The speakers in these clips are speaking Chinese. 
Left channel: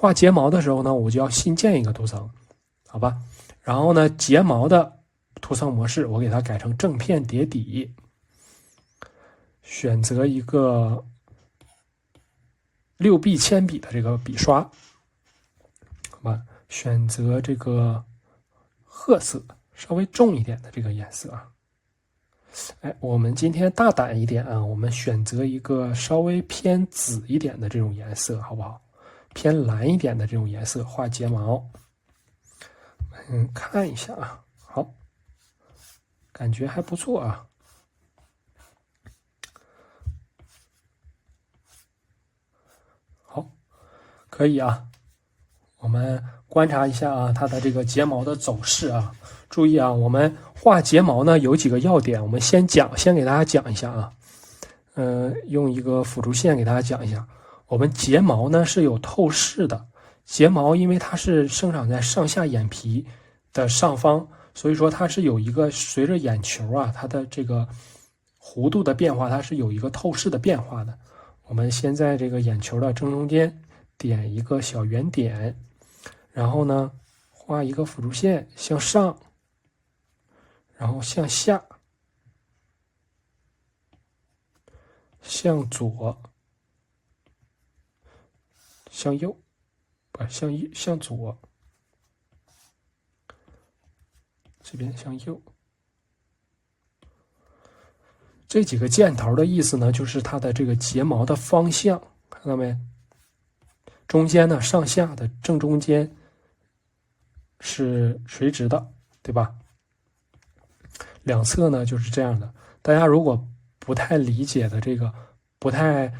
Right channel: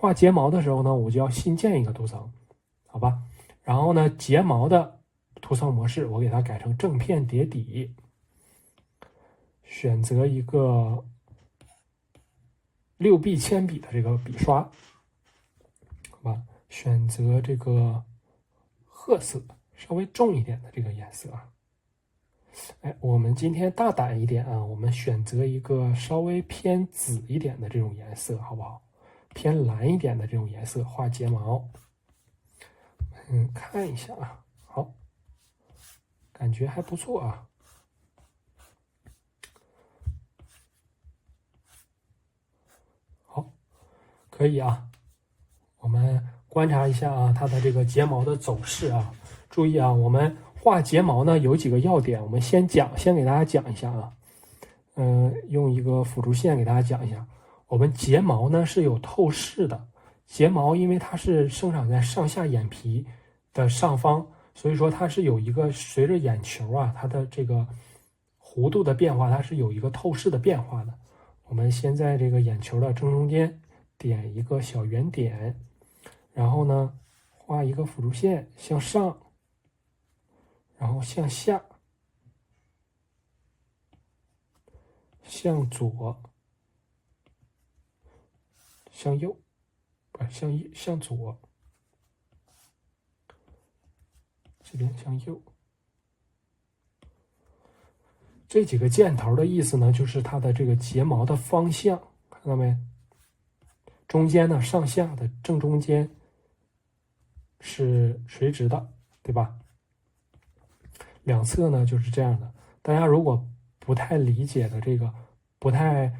画睫毛的时候呢，我就要新建一个图层，好吧？然后呢，睫毛的图层模式我给它改成正片叠底，选择一个6B 铅笔的这个笔刷，好吧？选择这个褐色，稍微重一点的这个颜色啊。哎，我们今天大胆一点啊，我们选择一个稍微偏紫一点的这种颜色，好不好？偏蓝一点的这种颜色画睫毛。看一下啊，好，感觉还不错啊。好，可以啊。我们观察一下啊，它的这个睫毛的走势啊。注意啊，我们画睫毛呢有几个要点，我们先给大家讲一下啊。用一个辅助线给大家讲一下。我们睫毛呢是有透视的，睫毛因为它是生长在上下眼皮的上方，所以说它是有一个随着眼球啊它的这个弧度的变化，它是有一个透视的变化的。我们先在这个眼球的正中间点一个小圆点，然后呢画一个辅助线向上，然后向下，向左，向右，不向左，这边向右。这几个箭头的意思呢，就是它的这个睫毛的方向，看到没？中间呢，上下的正中间是垂直的，对吧？两侧呢就是这样的。大家如果不太理解的这个，不太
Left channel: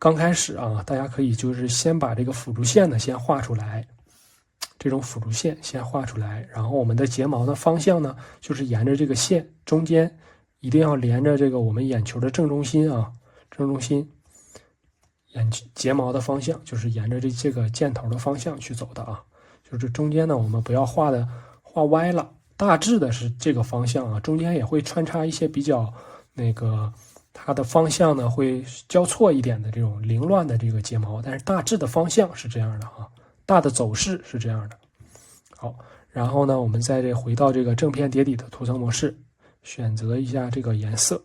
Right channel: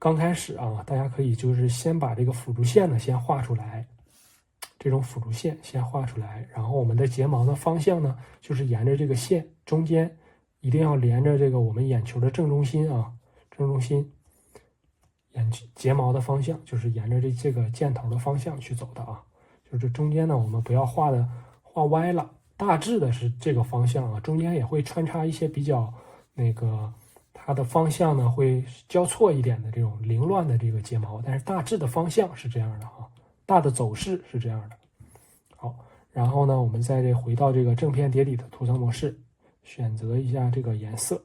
刚开始啊，大家可以就是先把这个辅助线呢先画出来，这种辅助线先画出来，然后我们的睫毛的方向呢，就是沿着这个线中间，一定要连着这个我们眼球的正中心啊，正中心。睫毛的方向就是沿着这个箭头的方向去走的啊，就是中间呢我们不要画歪了，大致的是这个方向啊，中间也会穿插一些比较它的方向呢会交错一点的这种凌乱的这个睫毛，但是大致的方向是这样的啊，大的走势是这样的。好，然后呢我们再回到这个正片叠底的图层模式，选择一下这个颜色。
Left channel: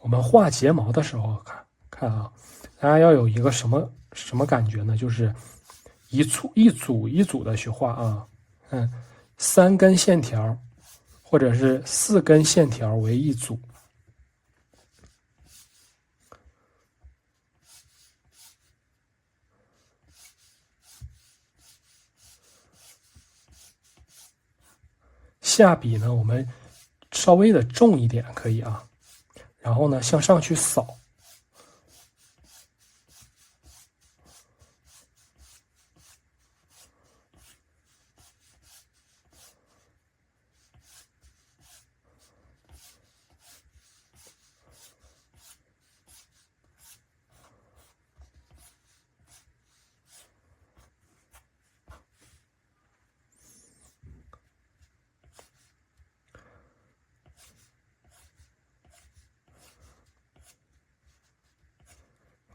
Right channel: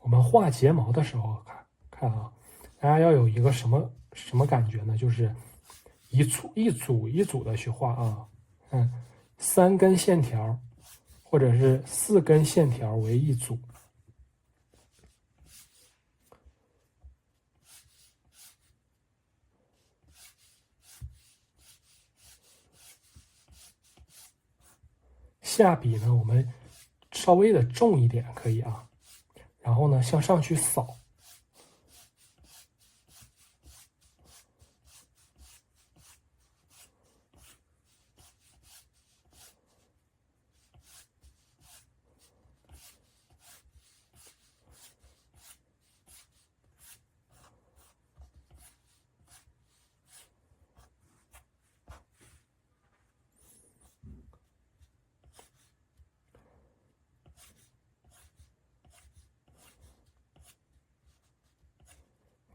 我们画睫毛的时候，看啊，大家要有一个什么感觉呢？就是一组一组的去画啊，3根线条或者是4根线条为一组。下笔呢，我们稍微的重一点可以啊，然后呢向上去扫。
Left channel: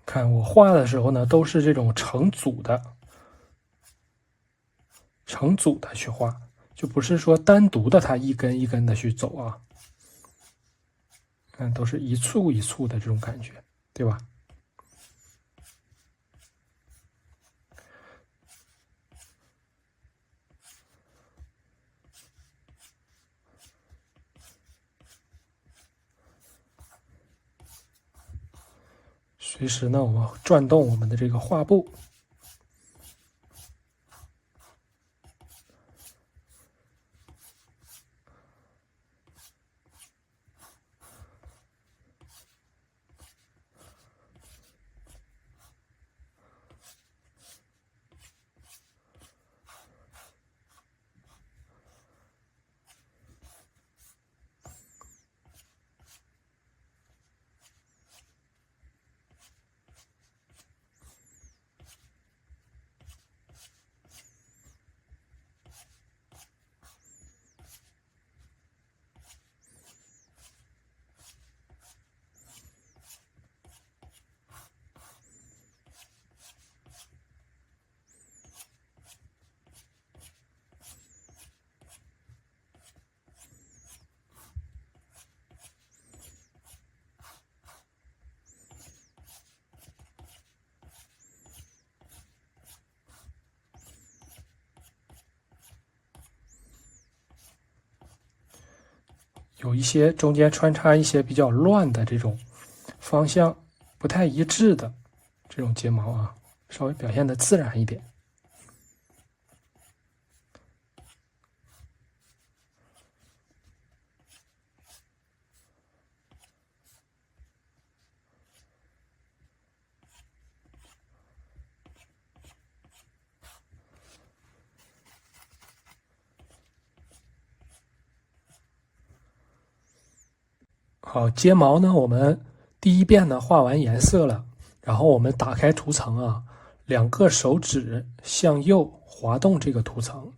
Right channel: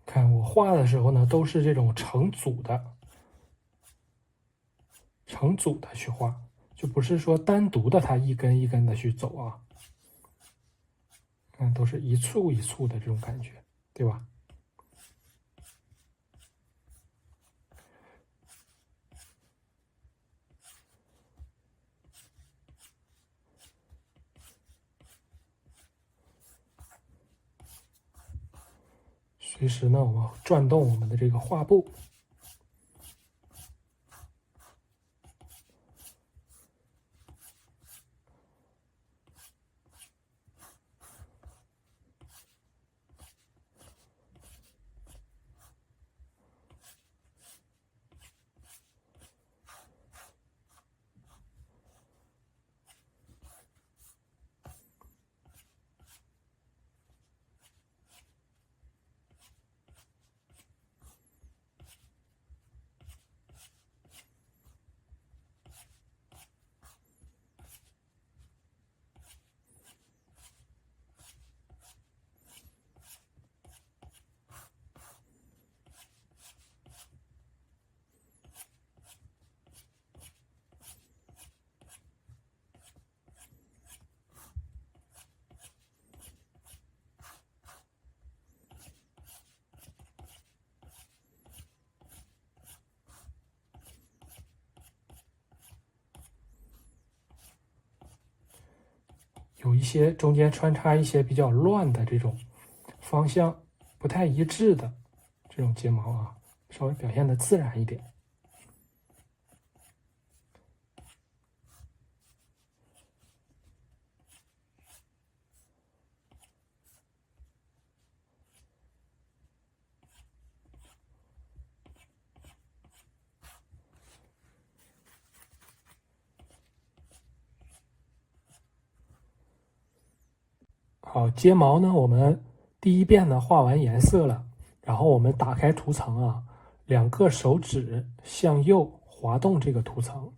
看我画的时候呢，都是这种成组的去画，就不是说单独的它一根一根的去走啊。看都是一簇一簇的这种感觉，对吧？随时呢，我们转动我们的这个画布。有一些中间穿插一些比较乱的这种方向不太一致的这种睫毛啊，稍微表现的自然一点。好，睫毛呢，我们第一遍呢画完颜色了，然后我们打开图层啊，两个手指向右滑动这个图层，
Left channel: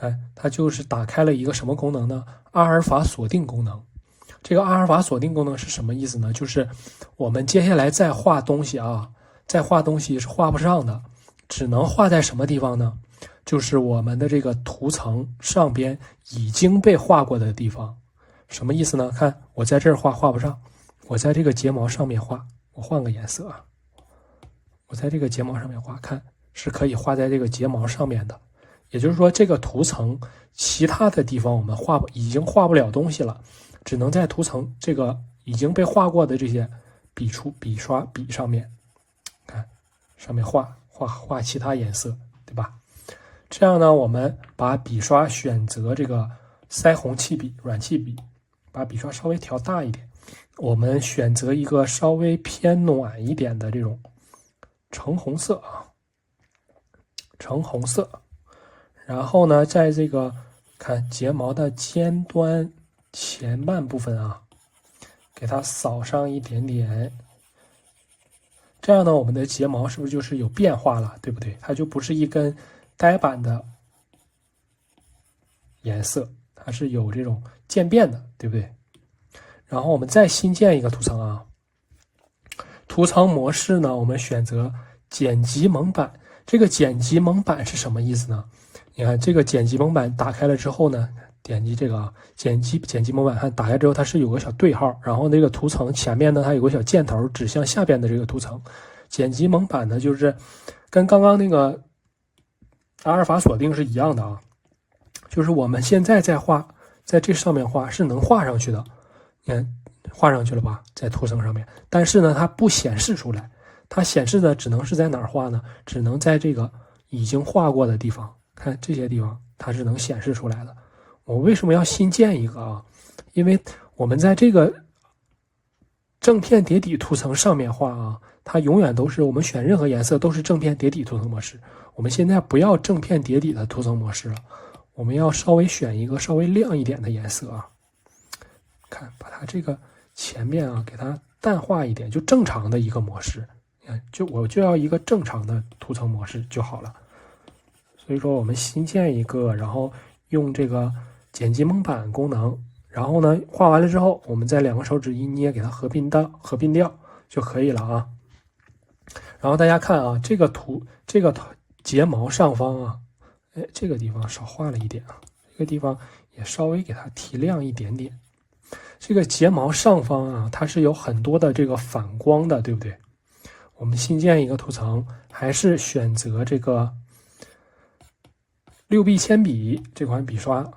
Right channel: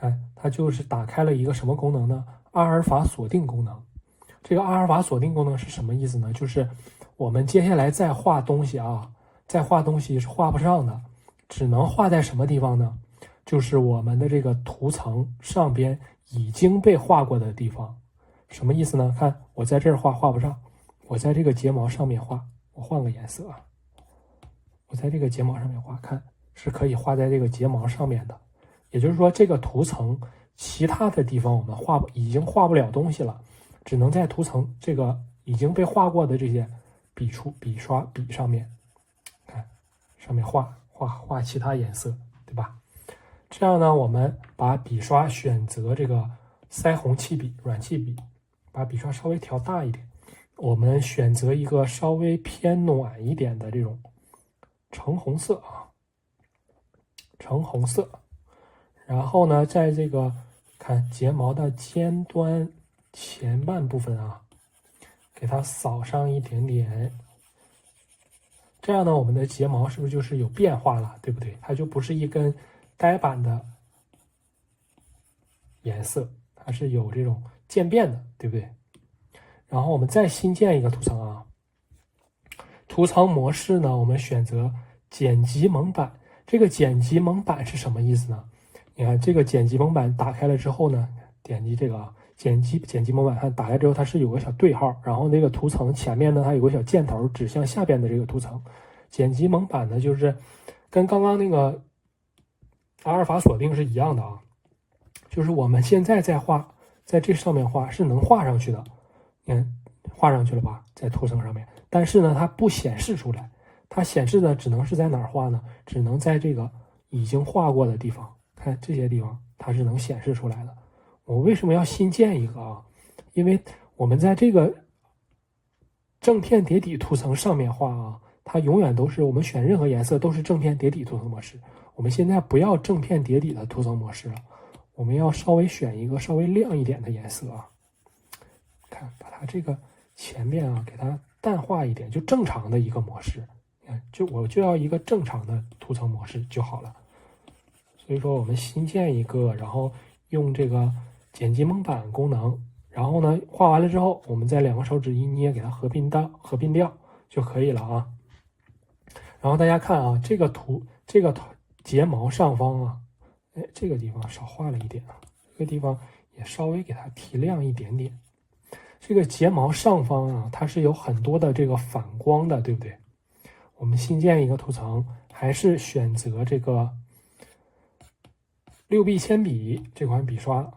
哎，它就是打开了一个什么功能呢？阿尔法锁定功能。这个阿尔法锁定功能是什么意思呢？就是我们接下来再画东西啊，再画东西是画不上的，只能画在什么地方呢？就是我们的这个图层上边已经被画过的地方。什么意思呢？看我在这儿画不上，我在这个睫毛上面画，我换个颜色啊，我在这个睫毛上面画，看是可以画在这个睫毛上面的。也就是说，这个图层其他的地方我们已经画不了东西了，只能在图层这个已经被画过的这些笔上面，看上面画其他颜色，对吧？这样呢，我们把笔刷选择这个腮红气笔、软气笔，把笔刷稍微调大一点。我们选择一个稍微偏暖一点的这种橙红色啊，橙红色。然后呢，在这个看睫毛的尖端前半部分啊，给它扫上一点点。这样呢，我们的睫毛是不是就是有变化了，对不对？它就不是一根呆板的颜色，它是有这种渐变的，对不对？然后我们再新建一个图层啊，图层模式呢，我们选择剪辑蒙版。这个剪辑蒙版是什么意思呢？你看这个剪辑蒙版打开了之后呢，点击这个啊，剪辑蒙版，它打开之后它是有个小对号，然后那个图层前面呢它有个小箭头指向下边的这个图层。剪辑蒙版呢就是跟刚刚那个阿尔法锁定是一样的啊，就是我们现在在这上面画是能画上去的，你看画上去了吧，在图层上面，但是呢它不显示出来，它显示的只能是在哪儿画呢？只能在这个已经画过的地方，看这些地方它是能显示出来的。我为什么要新建一个啊？因为我们在这个正片叠底图层上面画啊，它永远都是我们选任何颜色都是正片叠底图层模式。我们现在不要正片叠底的图层模式了，我们要稍微选一个稍微亮一点的颜色啊。看，把它这个前面啊给它淡化一点，就正常的一个模式。你看，我就要一个正常的图层模式就好了。所以说我们新建一个，然后用这个剪辑蒙版功能，然后呢画完了之后，我们再两个手指一捏，给它合并掉就可以了啊。然后大家看啊，这个睫毛上方啊，哎，这个地方少画了一点啊，这个地方也稍微给它提亮一点点。这个睫毛上方啊，它是有很多的这个反光的，对不对？我们新建一个图层，还是选择这个6B 铅笔这款笔刷，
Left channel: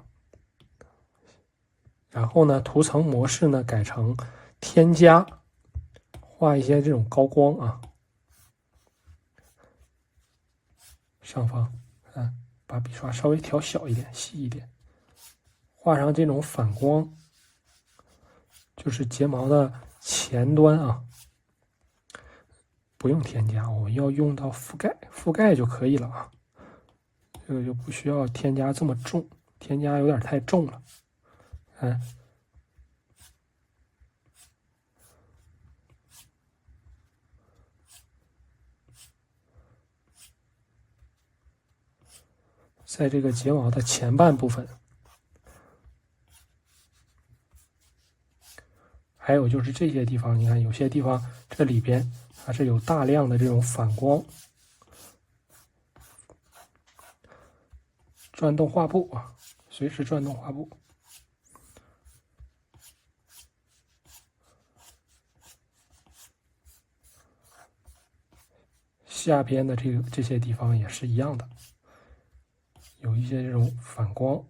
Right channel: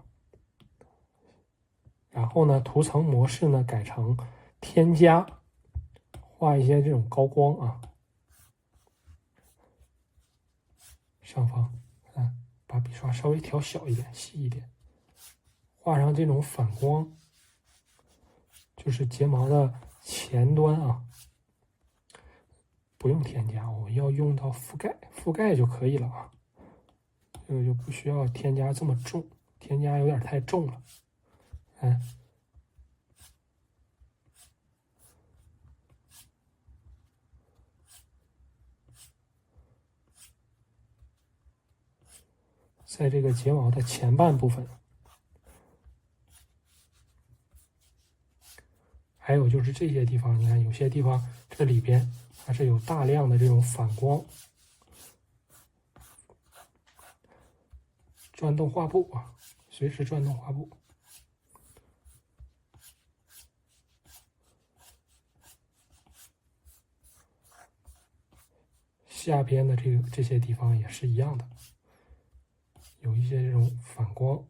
然后呢，图层模式呢改成添加，画一些这种高光啊，上方，把笔刷稍微调小一点、细一点，画上这种反光，就是睫毛的前端啊，不用添加，我们要用到覆盖就可以了啊。这个就不需要添加这么重，添加有点太重了。在这个睫毛的前半部分，还有就是这些地方，你看有些地方这里边它是有大量的这种反光。转动画布啊，随时转动画布。下边的这些地方也是一样的，有一些这种反光。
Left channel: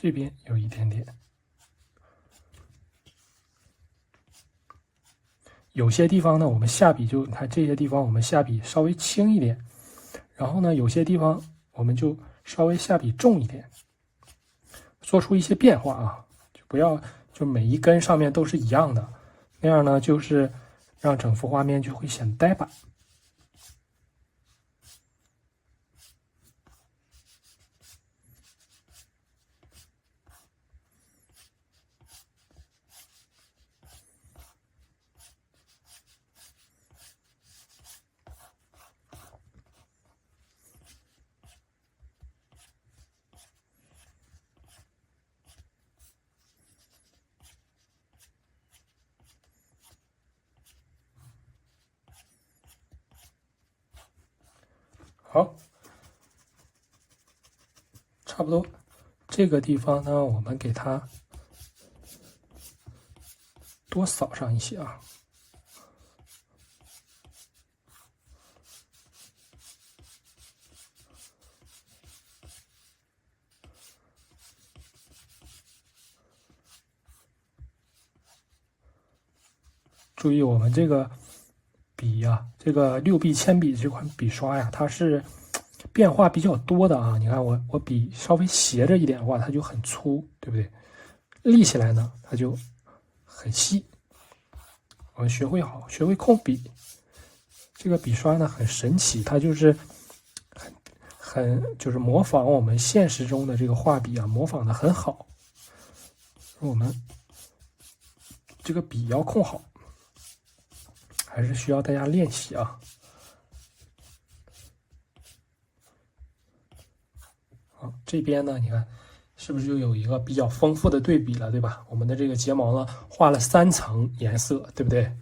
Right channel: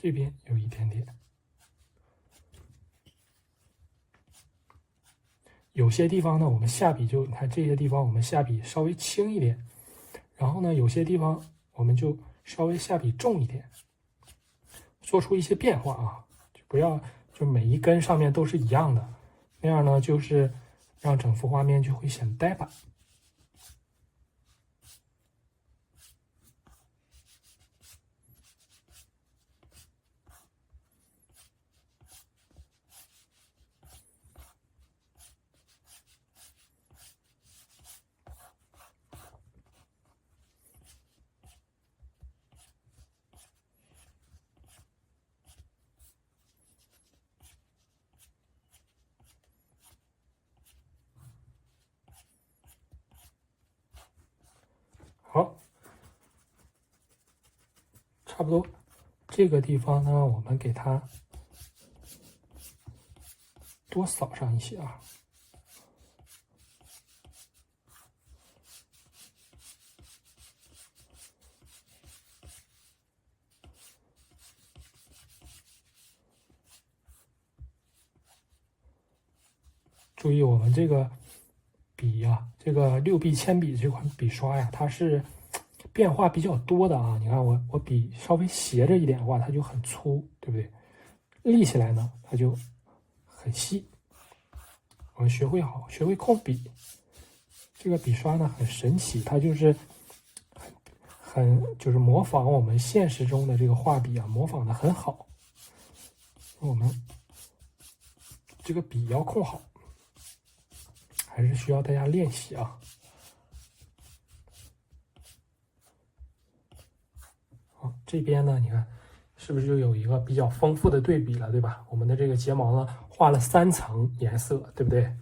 这边有一点点。有些地方呢，我们下笔就你看这些地方，我们下笔稍微轻一点，然后呢，有些地方我们就稍微下笔重一点，做出一些变化啊，就不要就每一根上面都是一样的，那样呢，就是让整幅画面就会显呆板。好，差不多。这个地方呢，我们给它多扫上一些啊。注意我们这个笔呀，这个6B铅笔这款笔刷呀，它是变化比较多的啊。你看我笔稍微斜着一点的话，它就很粗，对不对？立起来呢，它就很细。我们学会控笔，这个笔刷呢很神奇，它就是就是模仿我们现实中的这个画笔啊，模仿的很好。我们这个笔要控好，还是需要大家练习啊。好，这边呢，你看是不是就有一个比较丰富的对比了，对吧？我们的这个睫毛呢，画了3层颜色，对不对？